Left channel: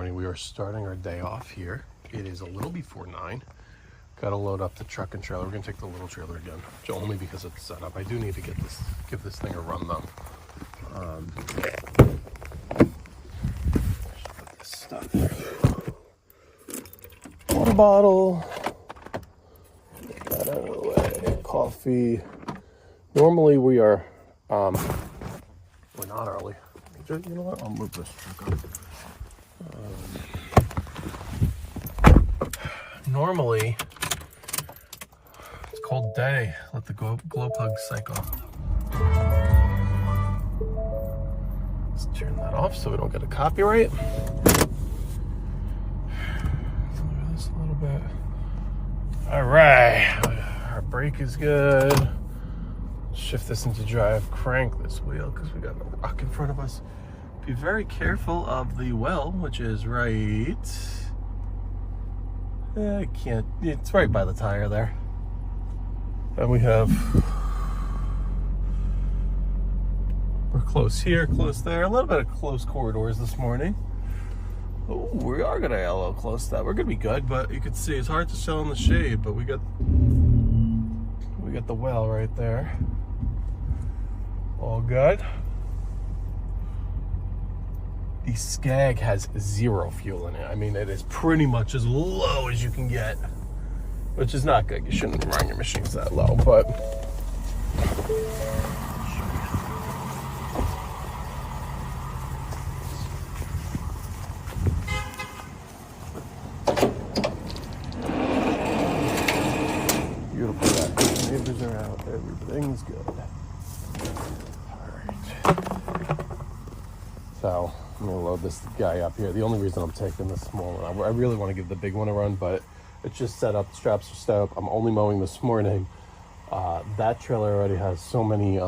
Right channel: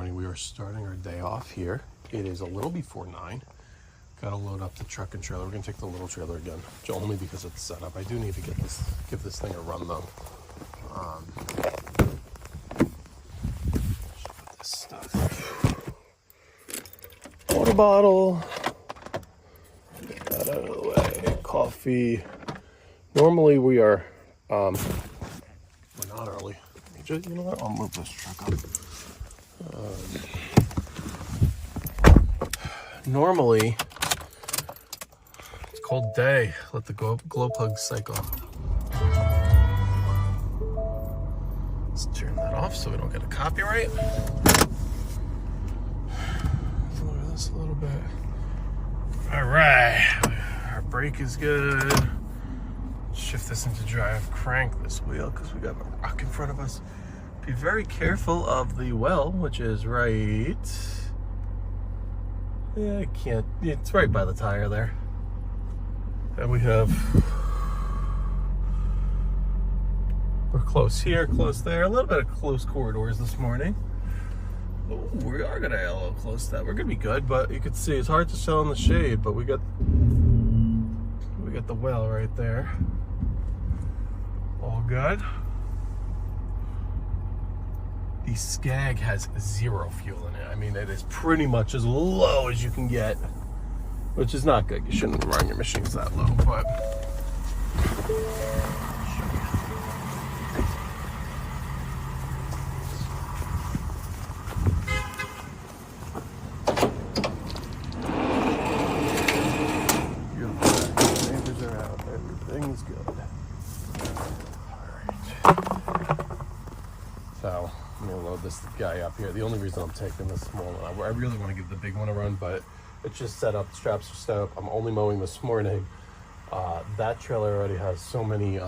morning. We are starting our day off here. It is a little before 9. Got to load up the truck and trailer. We're gonna take the little trailer again, only because it's set up. I do need to give this thing a run though. Put this stuff. Water bottle. Get that out of the way. Coffee. Normally we are. We're not early. You know what? I'll move this truck up. Normally, it's a cold day. Let the glow plug cycle. Let's turn that off so we don't get a copyright. Lower this a little bit. All right, our brake is good. Shift this into drive. Crank this wheel because we got a rock in front of us. Be very careful of the well, which is right. Yeah, I can't. It's right by the tire there. And we're close here, close there. A little bit of close corridors this morning. Oh, we are gonna get a little close to that. We're gonna be good, but you can see it's hard to tell in the shade. But we got the well right there. All good. The Skag has 0 fuel in it. I mean, it is pretty much as low as you can get, which is not good. You shouldn't run your machines that low, but everything's good. So I'm gonna load this guy up here. The only reason I'm taking this small one, I really want to give the big one a run, but it's just set up, straps are set up. I'm only mowing this morning. That trailer already has so many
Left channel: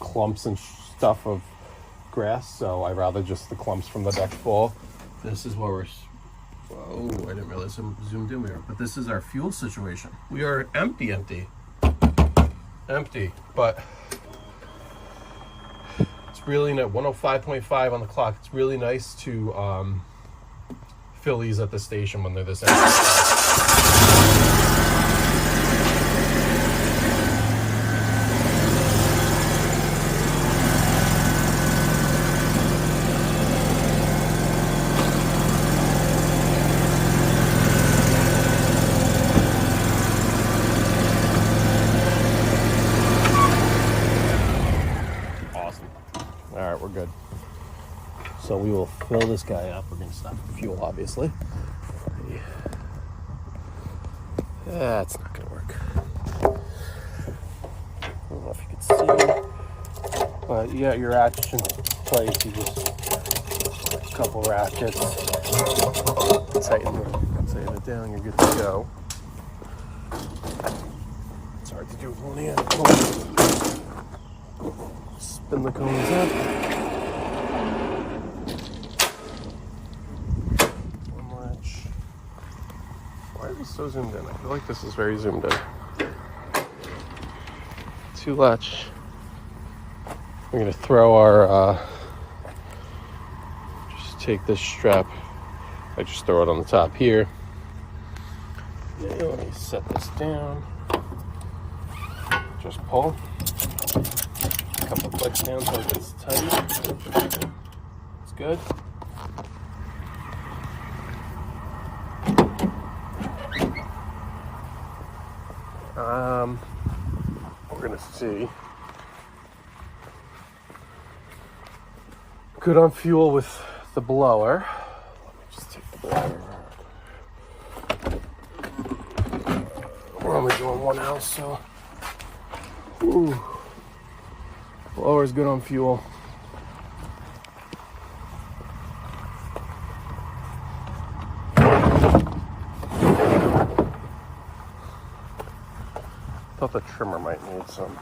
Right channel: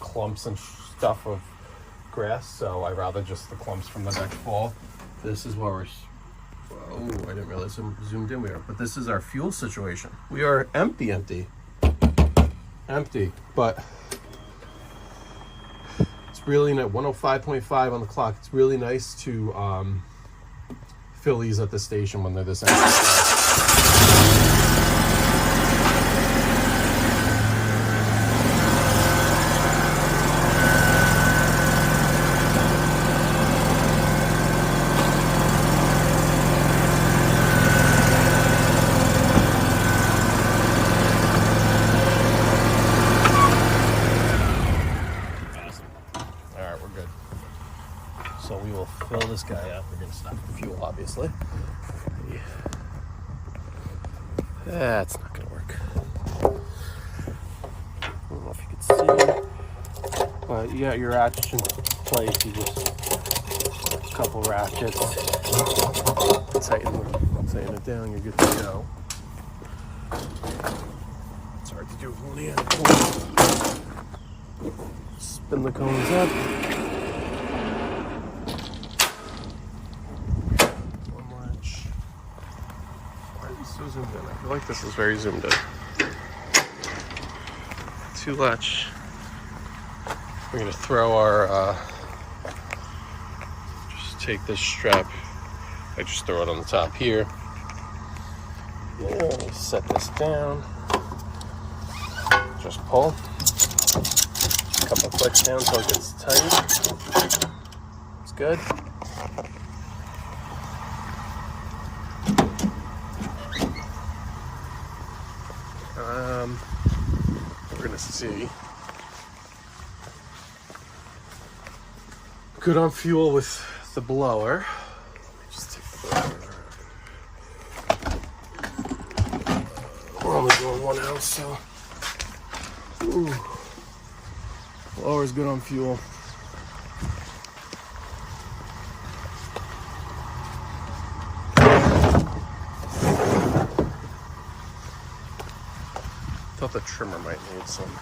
clumps and stuff of grass, so I'd rather just the clumps from the deck fall. This is where whoa, I didn't realize how zoomed in we are, but this is our fuel situation. We are empty, but really at 105.5 on the clock. It's really nice to fill these at the station when they're this empty. So we will fill this guy up. We're going to stop the fuel, obviously. That's not going to work. I don't know if you can see, but you got your ratchet in place. You just a couple ratchets, tighten it down. You're good to go. It's hard to do with one hand. Spin the cones up. So zoomed in. I feel like this is very zoomed in. 2 latch. We're gonna throw our just take this strap. I just throw it on the top here. Yeah, set this down. Just pull. A couple clicks down until it gets tight. It's good. We're gonna see. Good on fuel with the blower. Let me just take the blower. We're only doing 1 ounce, so. Ooh. Blower's good on fuel. Thought the trimmer might need some.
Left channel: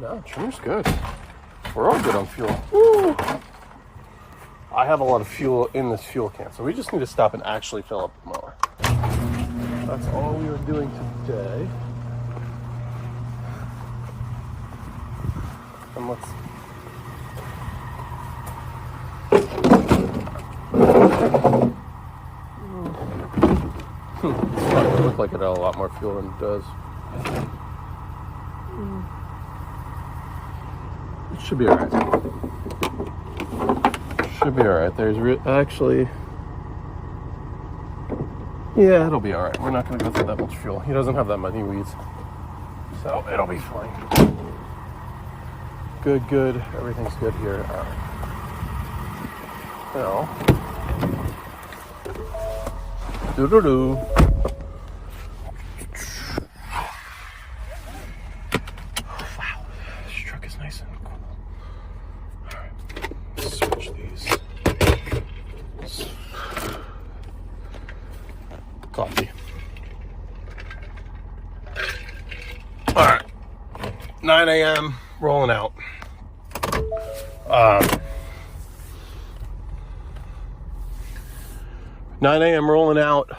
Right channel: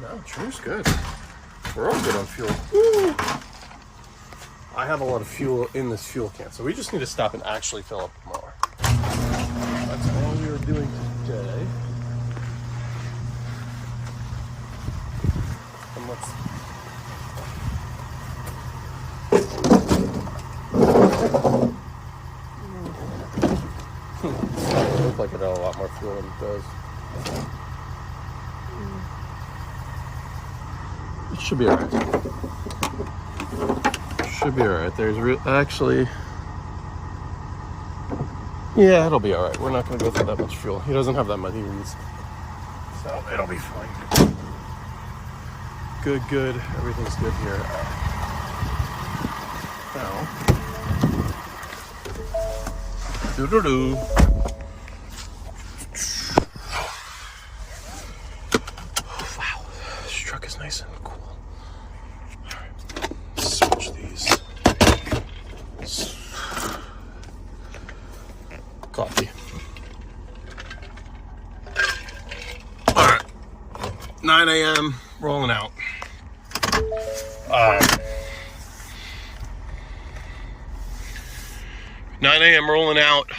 No, trimmer's good. We're all good on fuel. Woo! I have a lot of fuel in this fuel can, so we just need to stop and actually fill up the mower. That's all we are doing today. And let's It looked like it had a lot more fuel than it does. It should be alright. Should be alright. There's actually... Yeah, it'll be alright. We're not going to go through that much fuel. He doesn't have that many weeds. So it'll be fine. Good, good. Everything's good here. Alright. Now. Doo-doo-doo. Wow. This truck is nice and cool. Alright. Switch these. Coffee. Alright. 9 a.m. rolling out. 9 a.m. rolling out.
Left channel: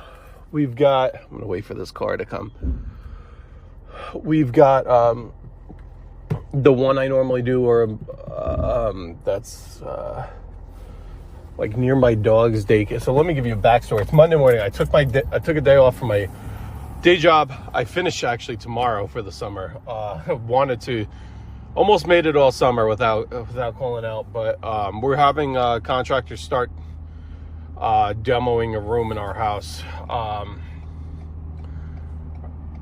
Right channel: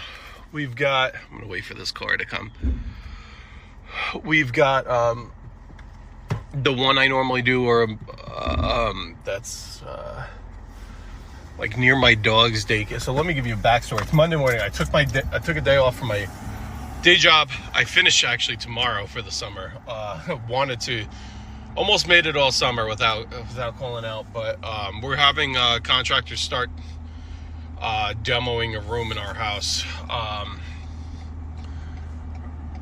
We've got, I'm gonna wait for this car to come. We've got the one I normally do, or that's like near my dog's daycare. So let me give you a backstory. It's Monday morning. I took a day off from my day job. I finish actually tomorrow for the summer. Wanted to, almost made it all summer without calling out, but we're having contractors start demoing a room in our house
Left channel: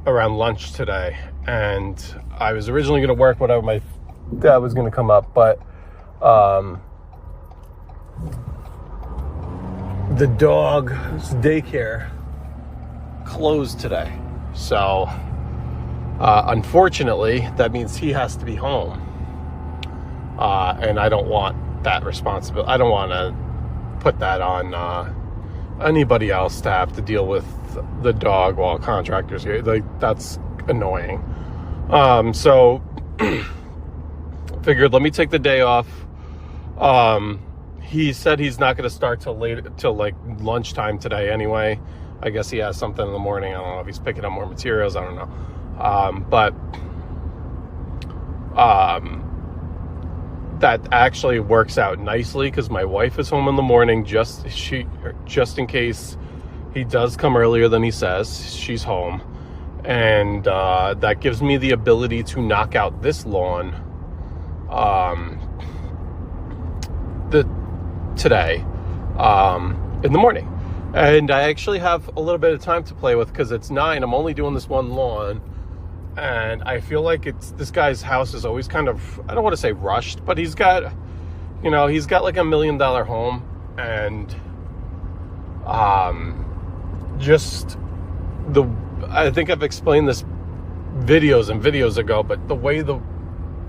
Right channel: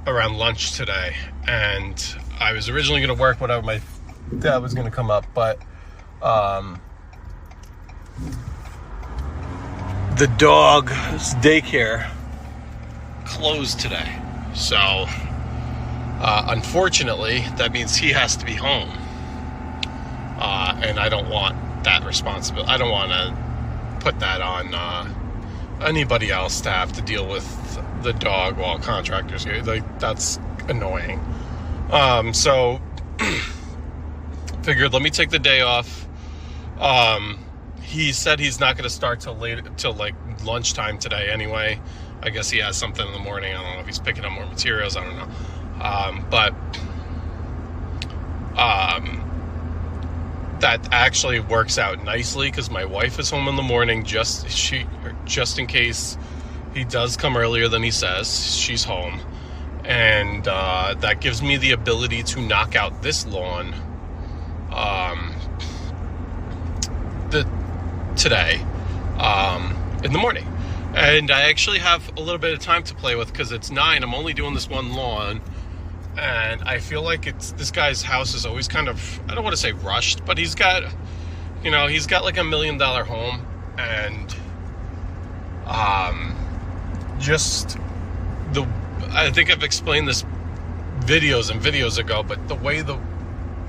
around lunch today, and I was originally going to work whatever my dad was going to come up, but the dog's daycare closed today, so unfortunately that means he has to be home, and I don't want that responsibility. I don't want to put that on anybody else to have to deal with the dog while contractors here. Like, that's annoying. So figured let me take the day off. He said he's not going to start till like lunchtime today anyway. I guess he has something in the morning. I don't know if he's picking up more materials. I don't know. But that actually works out nicely because my wife is home in the morning, just in case he does come earlier than he says. She's home, and that gives me the ability to knock out this lawn today in the morning. And I actually have a little bit of time to play with because it's 9. I'm only doing this one lawn. And I feel like this guy's house is always kind of, I don't want to say rushed, but he's got like $1 million home, and I think I've explained this videos ago, but the way the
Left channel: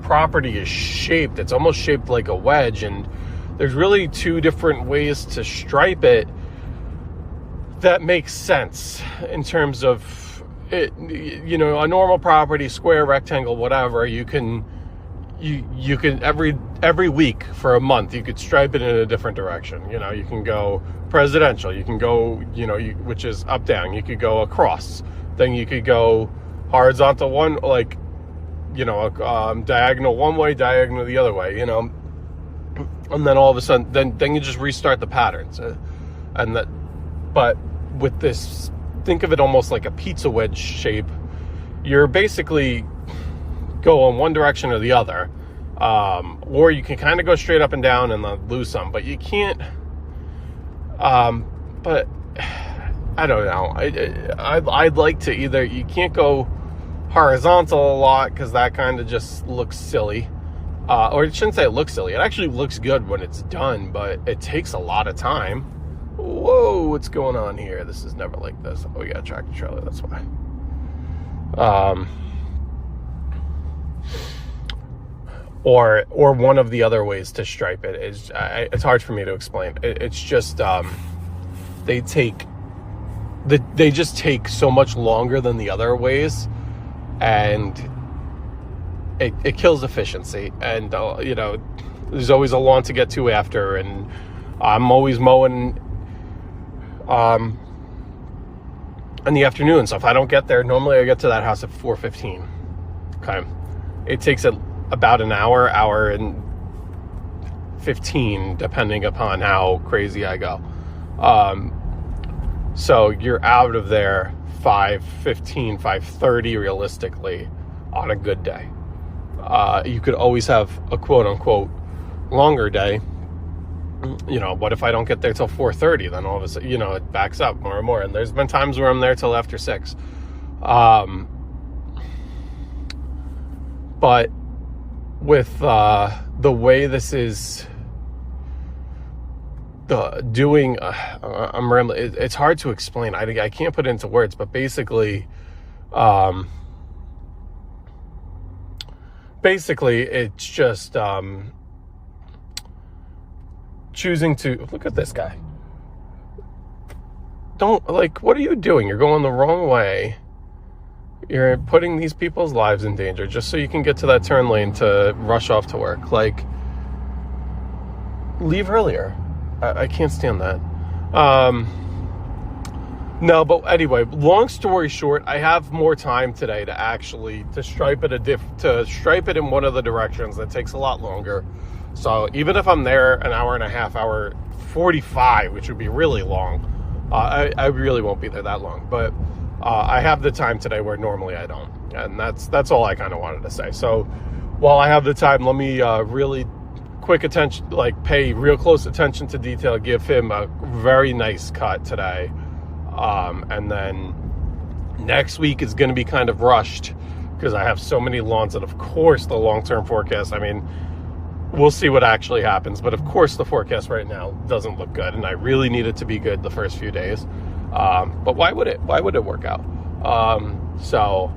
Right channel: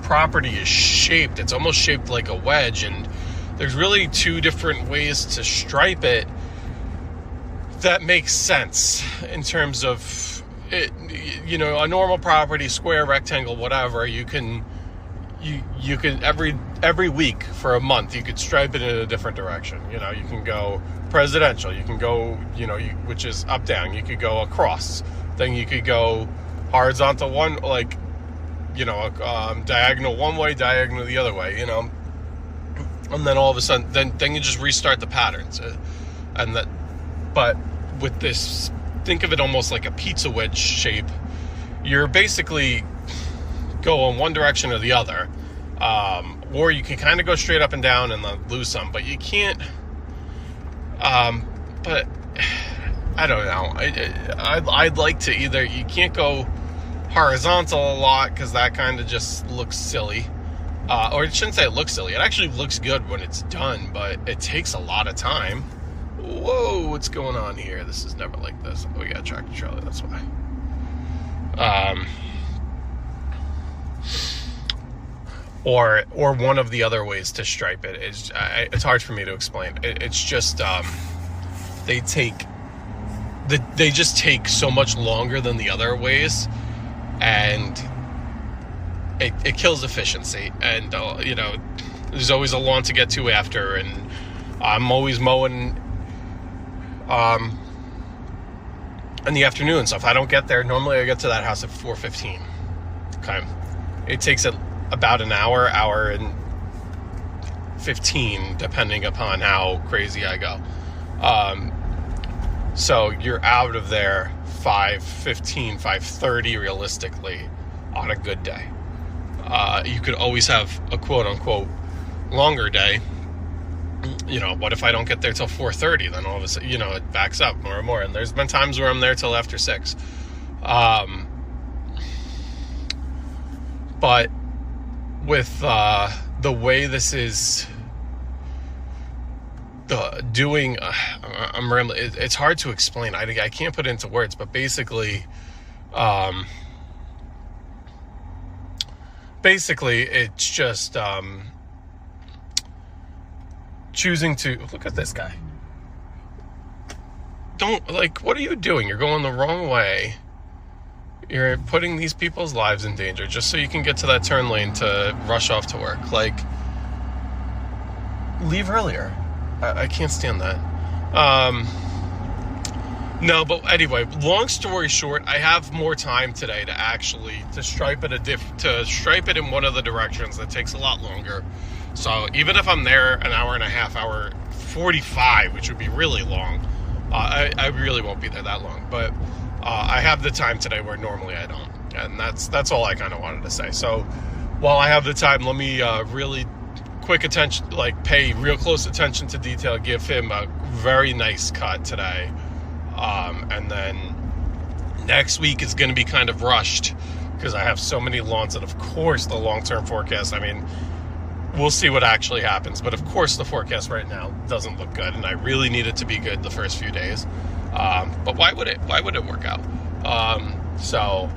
property is shaped, it's almost shaped like a wedge, and there's really 2 different ways to stripe it that makes sense in terms of it, a normal property, square, rectangle, whatever, you can every week for a month, you could stripe it in a different direction. You can go presidential, you can go, which is up, down, you could go across, then you could go horizontal one, like, diagonal one way, diagonal the other way, and then all of a sudden, then you just restart the patterns, but with this, think of it almost like a pizza wedge shape. You're basically go in one direction or the other, or you can kind of go straight up and down and lose some, but you can't. But I don't know. I'd like to either, you can't go horizontal a lot because that kind of just looks silly, or I shouldn't say it looks silly. It actually looks good when it's done, but it takes a lot of time. Whoa, what's going on here? This is never like this. Oh yeah, tractor trailer, that's why. Or one of the other ways to stripe it is, it's hard for me to explain. It's just they just take so much longer than the other ways, and it kills efficiency. And there's always a lawn to get to after, and I'm always mowing in the afternoon, so if I don't get there, normally I get to that house at 4:15. Okay, it takes about an hour and 15, depending upon how crazy I go. So you're out of there 5:15, 5:30 realistically on a good day. You could always have a quote-unquote longer day. What if I don't get there till 4:30? Then all of a sudden, it backs up more and more. And there's been times where I'm there till after 6. But with the way this is I'm rambling. It's hard to explain. I can't put it into words, but basically it's just choosing to look at this guy. What are you doing? You're going the wrong way. You're putting these people's lives in danger just so you can get to that turn lane to rush off to work. Leave earlier. I can't stand that. No, but anyway, long story short, I have more time today to stripe it in one of the directions. That takes a lot longer. So even if I'm there an hour and a half, hour 45, which would be really long, I really won't be there that long. But I have the time today where normally I don't, and that's all I kind of wanted to say. So while I have the time, let me really quick attention, pay real close attention to detail, give him a very nice cut today. And then next week is going to be kind of rushed because I have so many lawns, and of course the long-term forecast, we'll see what actually happens, but of course the forecast right now doesn't look good, and I really need it to be good the first few days. But why would it work out? So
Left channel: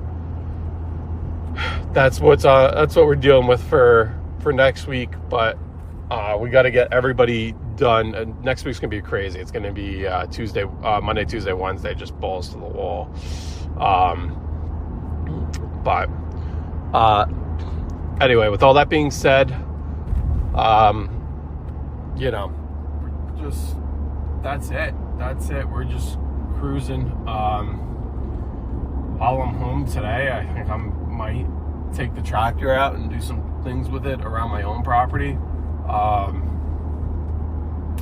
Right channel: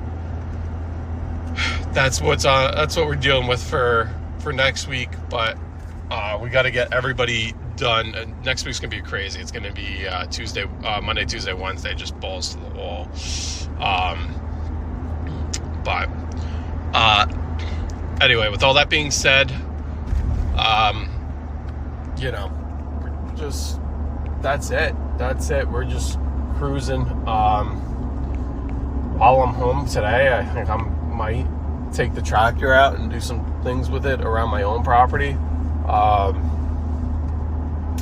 that's what we're dealing with for next week. But we got to get everybody done. Next week's gonna be crazy. It's gonna be Monday, Tuesday, Wednesday, just balls to the wall. But anyway, with all that being said, just that's it. We're just cruising. While I'm home today, I think I might take the tractor out and do some things with it around my own property.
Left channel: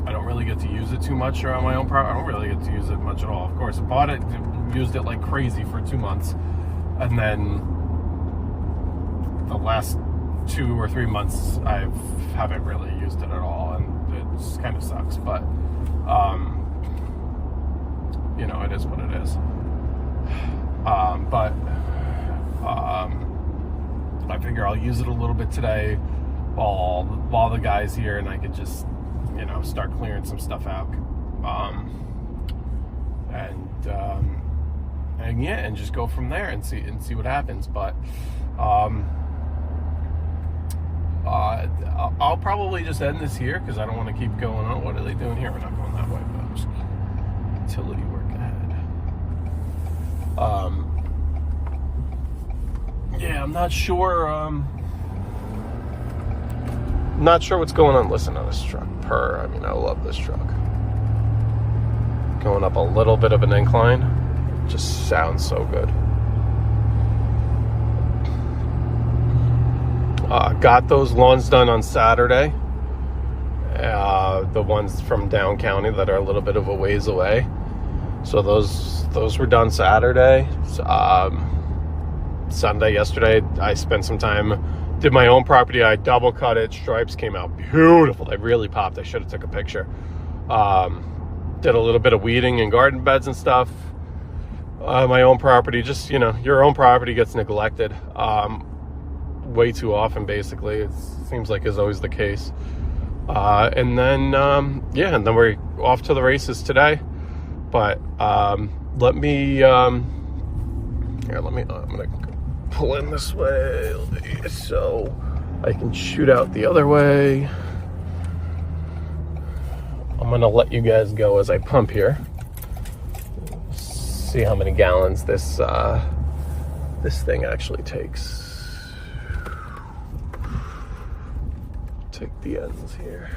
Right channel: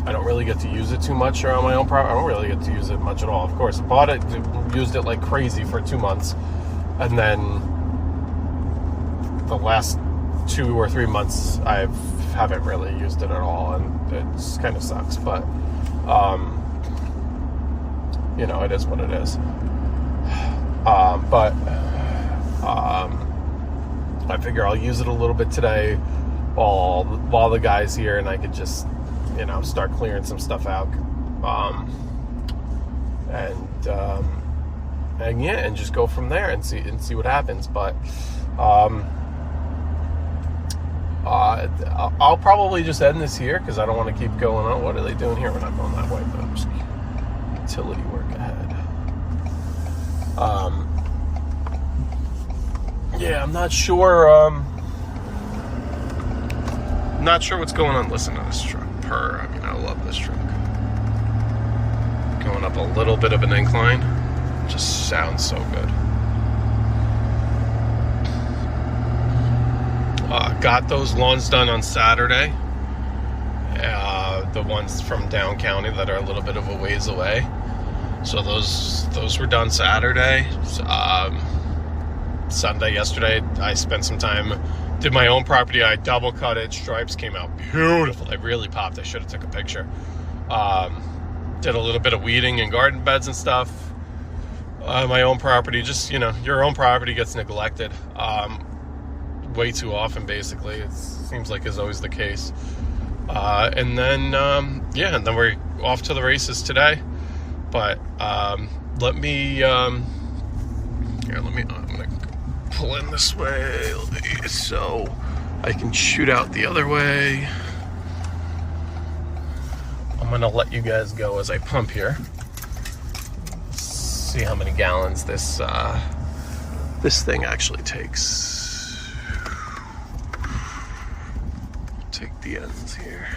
I don't really get to use it too much around my own property. I don't really get to use it much at all. Of course, I bought it, used it like crazy for 2 months, and then the last 2 or 3 months I haven't really used it at all, and it kind of sucks. But it is what it is. But I figure I'll use it a little bit today while the guy's here, and I could just start clearing some stuff out, and just go from there and see what happens. But I'll probably just end this here because I don't want to keep going on. What are they doing here? We're not going that way, but I'm just utility work ahead. Yeah, I'm not sure. Not sure what's going on. Listen to this truck purr. I love this truck. Going up a little bit of an incline. Just sounds so good. Got those lawns done on Saturday. The ones from down county that are a little bit of a ways away. So those were done Saturday. Sunday, yesterday, I spent some time, did my own property. I double cut it. Stripes came out beautiful. They really popped. I should have took a picture. Did a little bit of weeding and garden beds and stuff. My own property, just, your own property gets neglected way too often, basically. It seems like is always the case. And then we're off to the races today. But I'm gonna pull in this way so I can shoot out the other way. I'm gonna let you guys go as I pump here. See how many gallons this thing actually takes. Take the ends here.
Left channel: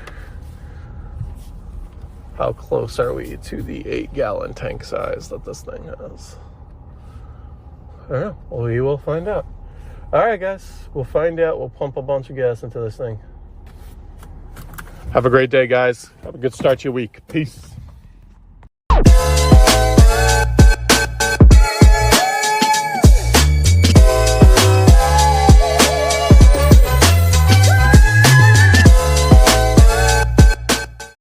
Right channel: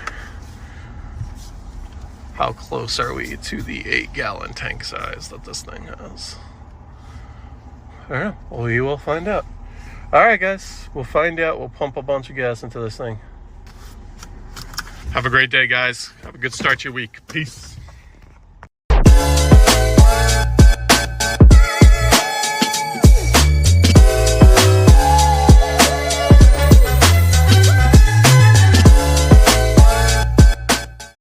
How close are we to the 8-gallon tank size that this thing has? I don't know. Well, we will find out. All right, guys. We'll find out. We'll pump a bunch of gas into this thing. Have a great day, guys. Have a good start to your week. Peace.